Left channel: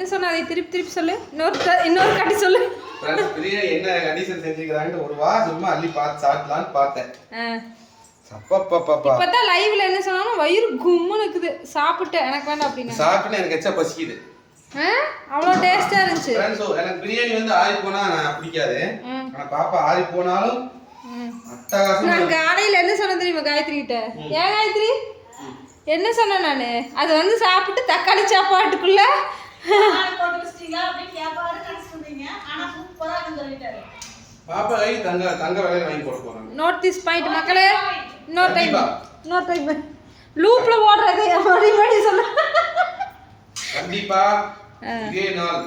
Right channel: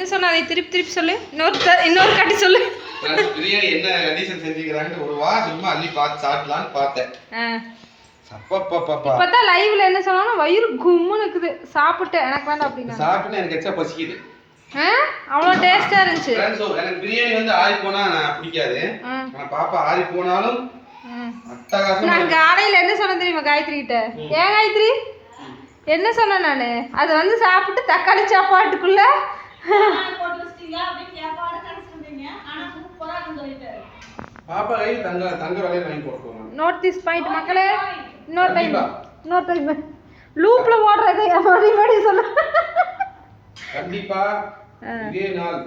என்ன சொன்ன அதை திருப்பி திருப்பி சொல்லு. இன்னொரு இன்னொரு காட்டி சொல்லு. பிரியாணி என்ன கண்டிஷன் செஞ்சுக்கிறாங்கன்னு ஒரு வா சும்மா அள்ளி பார்த்து சாப்பிடலான்னு பார்த்தேன். இப்பதான் லைவ்ல என்ன சொன்னாலும் வயிறு கும்முன்னு இருக்குது. சாப்பிட்டு எனக்கு வேண்டாம் அப்படின்னா. சாப்பிட்டு எனக்கு எச்சா பசிக்குது. அவ்வளோ டேஸ்டா இருந்துச்சு. எனக்கு பிரியாணி வந்து ஆறி போனா பிடிக்காது. பாப்பா ஆறி போனாலும் நான் காலையில என்ன சொன்னேன் தெரியுமா காயத்ரி கிட்ட ஏன் காயத்ரி? என்ன சொன்னேன் நானு? அது வந்து சாப்பிட்டு தக்காளி சாப்பாட்டுக்குள்ள பாப்பா கை தங்க தங்க விலையில வாங்கி போட போறாங்க. நோட் திஸ் பாயிண்ட் மக்களே. இன்னொரு டைம். இன்னொரு டைம் லூப்ல ஓடுறது மறுபடி மறுபடி சொல்லு. கண்டிப்பா. இதே நாள்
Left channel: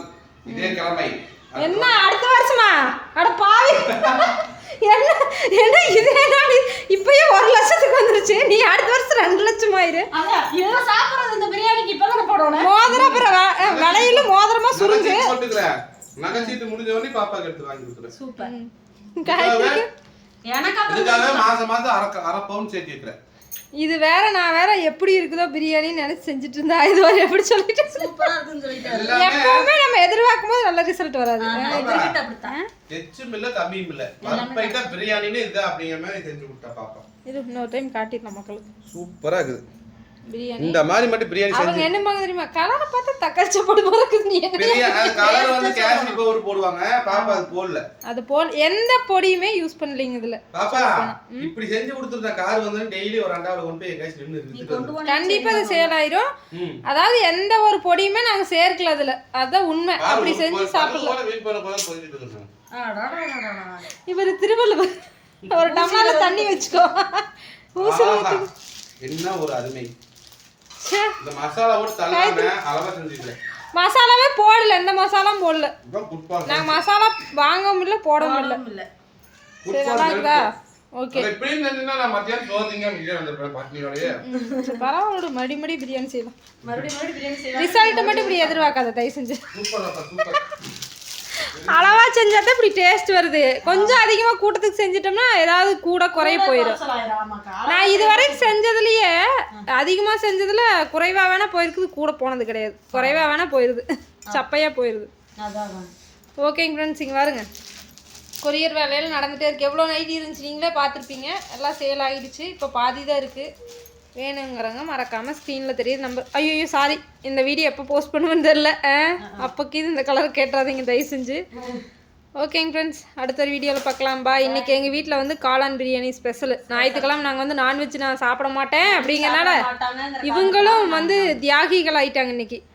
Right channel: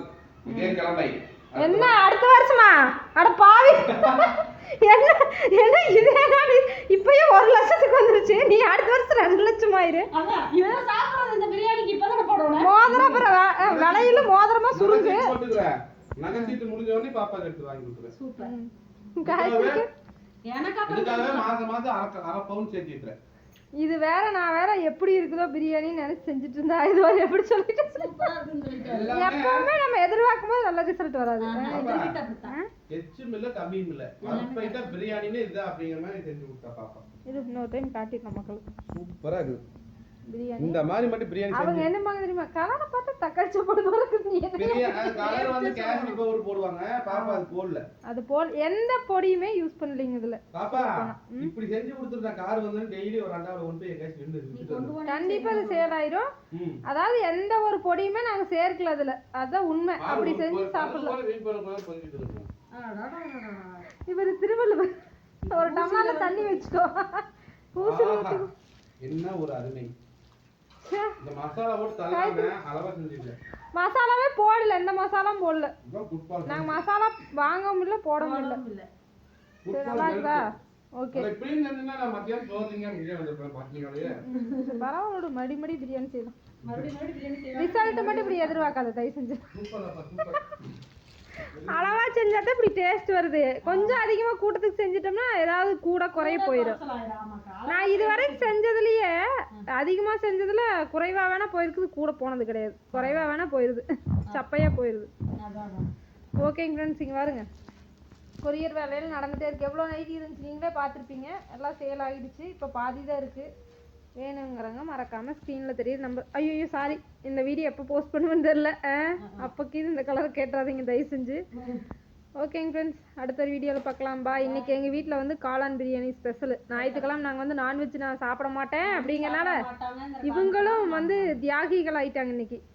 இதே கிழமை. என்ன அடுத்த வருஷமா? அட பாவி. என்ன என்ன இதே நாடு இப்பயே ஒரு லட்சத்துக்கு வந்துருச்சு. நீ அடுத்த வருஷம் ரெண்டு லட்சம் ஆயிரு சாப்பிடுறது இந்த பிரியாணிக்கு இப்ப தானே போடணும் மோதிரம் அப்புறம் வ- அஹ் வளையல மோதிரமா சுருங்கு. நகைச்சீட்டு போட்டுக்கிறேன். நகைச்சீட்டு முடிஞ்ச உடனே பாப்பாக்கு எடுத்து வாங்கி கொடுக்குறேன் சூப்பர். இதுக்காக மாசம் மாசம் அரை அரை பவுன் சேர்த்து வைக்கிறேன். இது வேற நான் வேற எப்படி இருக்குதோ பிரியாணின்னு நினைச்சு செஞ்சுட்டு இருந்தா இது ஒரு எப்படி சொல்லிட்டு எப்பவுமே நம்ம எதிர்பார்க்கும் போது நல்ல ரிசல்ட் வராது. எச்சும் இல்ல கம்மியும் இல்ல. பர்ஃபெக்ட்டா பிரியாணின்னு இது அப்படிங்கிற மாதிரி செஞ்சு கொடுத்தா பாப்பா. இது இன்னொரு டைம் காட்டிடலாம் மக்களுக்கு. சூப்பரா இருக்குது. பிரியாணி. இந்த மாதிரி மட்டும் பிரியாணி அவங்க என்ன பாங்க தெரியுமா? கலரை பார்த்தா தக்காளி சாப்பாடு போல? பிரியாணி அது கலர் வந்து கேசரி பவுடர் போடுவாங்க. பாப்பா அது போடல. அது போல் எந்த பொடியுமே யூஸ் பண்ணலீங்க இதுல. பாப்பா இப்படி செஞ்சு கொடுத்துருந்தேன் கார் வந்து டெய்லி ஒரு ரெண்டாவது கொண்டு போய் எங்கேயாச்சும் நின்று கண்டிப்பா அது சேல் ஆயிரும். அதாவது எந்த ஒரு பொடியுமே நாங்க சேர்க்கல அதுல. அதான் உண்மை. அப்படி செஞ்சு சாப்பிடலாம். இவர் திருவள்ளுவர். ஒரு டம்ளர்ல தண்ணி வச்சுக்கோ. என்ன ஒரு அருமை. மசாலாவே போடல எந்த மசாலாவும் போடல. இதான் குட்பால் நாங்க மசாலா போடவும் இல்லை. ஒண்ணும் இல்ல. சரி நல்லா இருக்குதா ஓகே. பரவாயில்ல மடி பிரியாணி செய்யலாம். மறுபடியும் மறுபடியும் பிரியாணி செய்யலாம். ரிசல்ட் மட்டும் இப்படி எதிர்பார்க்காத தயவு செஞ்சு. சூப்பர் அப்பா சூப்பர். அளவா செஞ்சா தான் இப்படி டேஸ்ட் வருது. கொஞ்சம் அதிகமா கூட்டத்துக்கு செஞ்சிட்டோம்னா ஏதாவது கூட குறைய போயிடும். நான் இதுவரைக்கும் செஞ்சதுலயே அதிகமா செஞ்சதுல குறைவா வேணா போயிருக்குது கூட போனது கிடையாது. குறைவா வேணா போயிருது. சப்பையா போயிருது. அதான், அதான். ஓகேங்க ஃப்ரெண்ட்ஸ் இங்கே பாருங்க. கொரியர் வேலையில் நடந்துகிட்டே இருக்கு. எவ்வளோ நைட்டி இருந்துச்சு? நீங்களே பார்த்துருப்பீங்க. எல்லாம் சேல் ஆகிடுச்சு இப்போ பாதி தான் இருக்குது வேணுங்கிறவங்க மறக்காமல் ஸ்க்ரீனில் தெரியுது நம்பர் ஐயோ சாரி இந்த வீடியோ எப்போ போஸ்ட் பண்ணுவேன்னு தெரில அப்போக்கு இது இந்த கலர் கேட்டுறாதீங்க தயவு செஞ்சு. ஓகேங்க ஃப்ரெண்ட்ஸ் அடுத்த ஒரு வீடியோவில் பார்க்கலாம். பா இன்றைக்கி எங்கள் வீட்டில் வந்து காளான் பிரியாணி ஸ்பெஷல் ஞாயிற்றுக்கிழமை நாங்கள் வந்து நான்வெஜ் நான் சாப்பிட மாட்டேன் அப்படிங்கறனால இவங்களும் வந்து தியாகிகள் ஆயிட்டாங்க இன்னைக்கு. அ-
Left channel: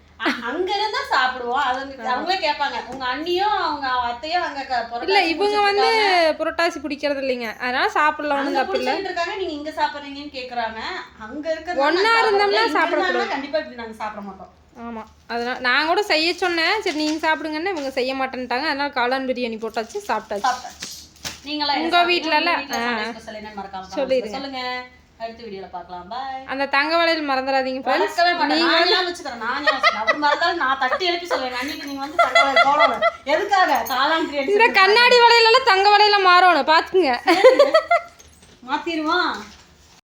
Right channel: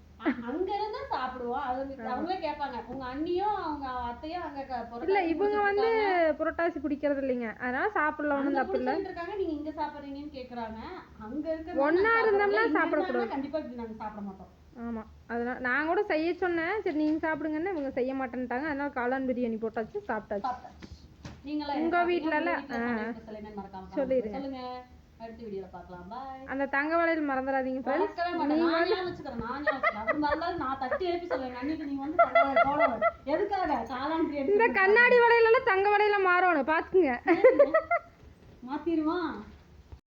அங்க இருந்தா சாப்பிடுவோம். அவங்களே கேட்பாங்க. உங்க அண்ணியும் அவங்க அத்தையும் அங்க இல்லை இவங்க வந்து. புரட்டாசி பிடிக்கிறது இல்லைங்க. அதனால சாப்பிடலாம் ஒன்றும் அங்க தப்பு இல்லை. இருக்காங்க. நீங்க இங்க சாப்பிடுறீங்கன்னு கேக்குறாங்க. அங்க இருக்க ஒண்ணா இருந்தோம்னா சாப்பிடக்கூடாது. கண்டிப்பா இப்படி நாங்க சாப்பிட மாட்டோம். ஆமாம் அதனால் நான் கூட செய்ய சொன்னேன். சரி நீங்கள் சாப்பிடுங்கன்னு இவங்க செய்ய மாட்டேன்ட்டாங்க. அதனால காளான் பிரியாணி போட்டாச்சு சாப்பிட்டாச்சு. சாப்பிட்டாச்சு. நீங்களா உங்க வீட்லல? ஆ. மறக்காம சொல்லிடுங்க. அடுத்த வீடியோல பார்க்கலாம். பாய் அந்த தங்க வளையல் மறந்துடாதீங்க ஃப்ரெண்ட்ஸ் நான் ஞாபகம் வச்சுக்கிறேன். நான் அவர் மறந்தாலும் நான் தட்டி எழுப்பி சொல்லுவேன். அன்னைக்கு நீங்க வந்து தகவல் போடணும். எதுக்காக? பிரியாணி இந்த கண்ணாடி வளையலெல்லாம் தங்க வளையல மாறணும். பார்த்துக்குங்க மாத்திருவான்